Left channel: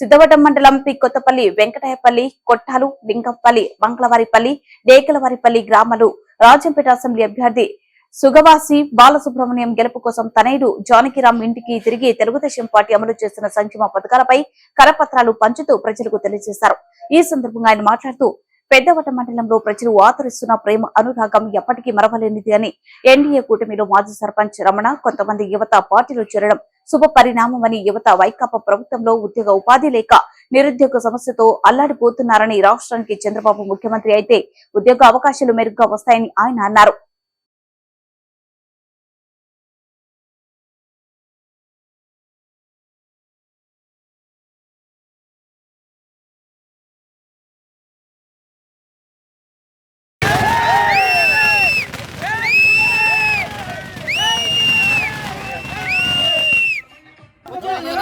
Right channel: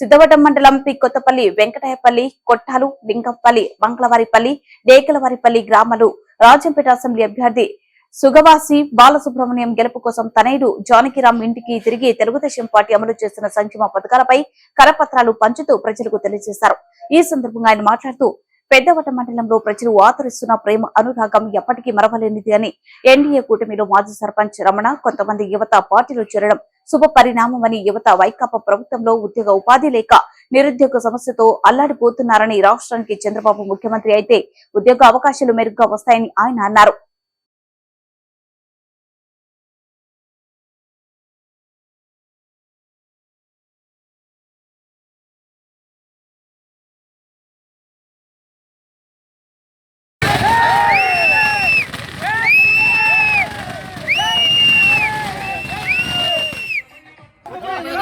సిద్ధవటం మండలం పి. కొత్తపల్లి వెంకటాయపల్లి కొట్టాలు లింగంపల్లి మంగళవారిపల్లి డేకలవారిపల్లి గ్రామాలు రాజంపేట అసెంబ్లీ అభ్యర్థి సుగవాసి బాలసుబ్రహ్మణ్యం గెలుపు కోసం తనయుడు జానకిరామ్ ఇంటికి తిరిగి తెలుగుదేశం పార్టీ అమలు చేస్తున్న సంక్షేమ పథకాలపై కరపత్రాలు పంచుతూ ప్రజలకు తెలియజేశారు. ఈ సందర్భంగా ఆయన మాట్లాడుతూ పెద్దవట మండలంలో ప్రజలు ఆదరిస్తున్న ప్రేమ అనురాగం ఎప్పటికీ మరవలేనిది అని ఎన్డీఏ కూటమిలో మాజీ సర్పంచ్ రమణ కొంతమంది యువత పార్టీలో చేరడం శుభ పరిణామమని యువత వైకాపా ప్రభుత్వంలో ఉద్యోగ ఉపాధి లేక నిరుద్యోగ సమస్యతో అల్లాడిపోతున్నారని రాష్ట్రానికి చంద్రబాబు ముఖ్యమంత్రి అయితే ఉద్యోగ అవకాశాలు మెరుగ్గా వస్తాయని ఆయన అన్నారు.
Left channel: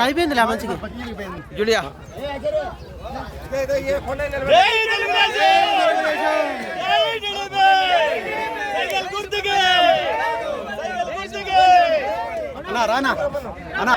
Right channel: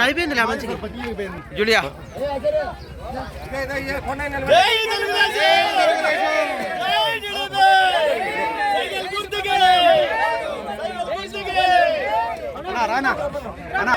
అయిపోయింది మంచిగా జూలియా. రానా.